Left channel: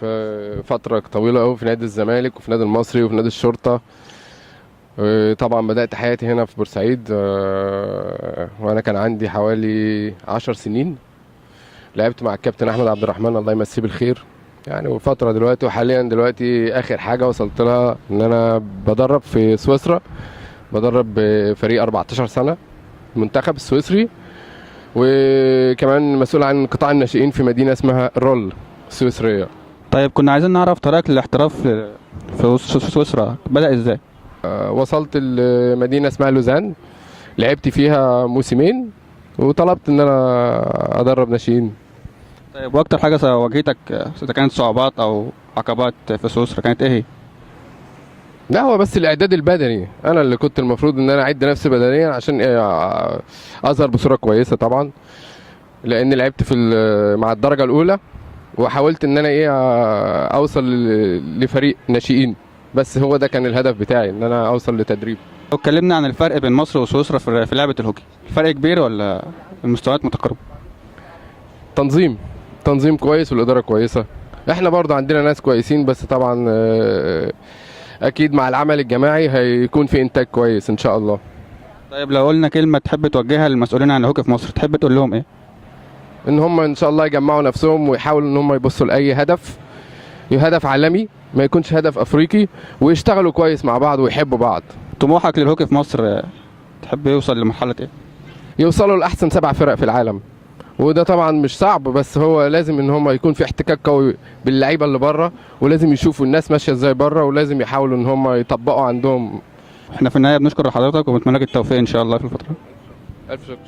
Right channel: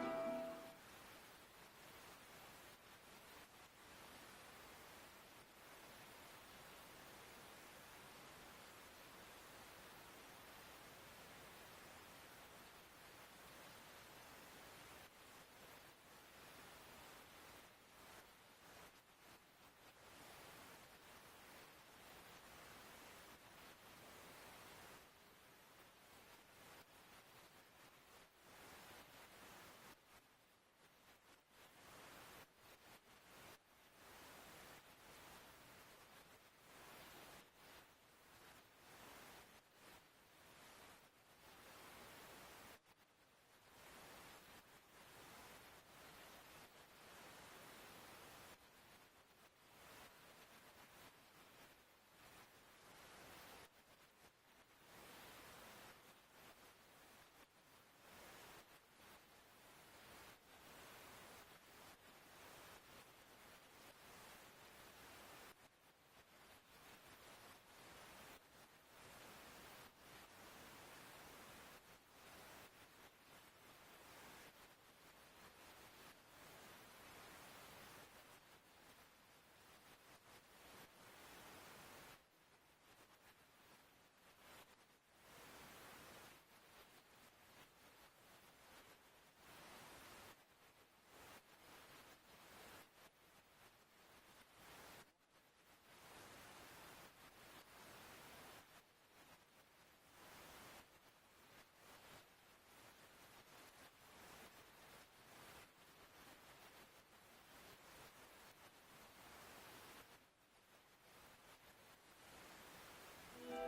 في فترة طويلة قوي في نادي الزمالك وفي نادي المصري وفي نادي الشرطة. طبعا بدأت حياتي هنا في بورسعيد وأنا كان عندي حوالي 10 سنين. لعبت مع الكابتن أحمد عبد الرحمن الله يمسيه بالخير يعني. وفترة دلوقتي وحاليا دلوقتي آخر حاجة وصلت لها إن أنا بدرب في سويسرا، بدرب فريق 14 سنة المنتخب السويسري، وكمان مسؤول عن قطاع الناشئين في مدينة اسمها رول السويسرية. طيب كنا عايزين نعرف طريقك للاحتراف في سويسرا بدأ ازاي؟ وصلت لمدينة اسمها لوزان، لعبت فيها موسمين وطلبت ان انا ادرب ناشئين. طيب واكتر حاجة واجهتك اذا كانت صعوبات او عقبات في سويسرا كانت ايه هي؟ لا هو بس الاعداد البدني، انا اللي كنت المفروض ان انا اعد نفسي بدنيا عشان اظهر بصورة كويسة طبعا، لان لعبت في مع الدرجة الاولى وحاولت ان انا اوصل لفريق ناشئين، بس هو ده كان الهدف بتاعي ان انا اوصل لتدريب. لو اتكلمنا عن الفرق بين مصر وسويسرا في لعبة الهوكي، الفرق كبير ولا المستويات متقاربة؟ تنظيم كويس والاداره كويسه. احنا برضه عندنا ناس كويسين، بس طبعا اكيد مع العمل الجماعي هيكون في انتاج كويس ان شاء الله. طيب لو قلنا كلمة تحب توجهها للمسؤولين عن الهوكي في مصر تحب تقول لهم ايه؟ ان هم ان شاء الله يجمعوا نفسهم ويحاولوا ان هم يبصوا لاي هدف عالمي، ما يكونش هدف افريقي، ويشتغلوا كويس مع بعض ويحبوا بعض. طموحك للهوكي في مصر تحب يوصل لمرحلة ايه؟ يوصلوا لاحسن 7 فرق في العالم، وده طبعا مش صعب، بس هو لازم ان هم يكون في احتكاك قوي باللعيبه اللي بره، ولازم يشوفوا الناس ماشيه ازاي بره، ولازم يحاولوا ان هم يطبقوا عندهم. احنا في النهاية بنشكر حضرتك وبنتمنى لك التوفيق ان شاء الله في الفترة. الف شكر.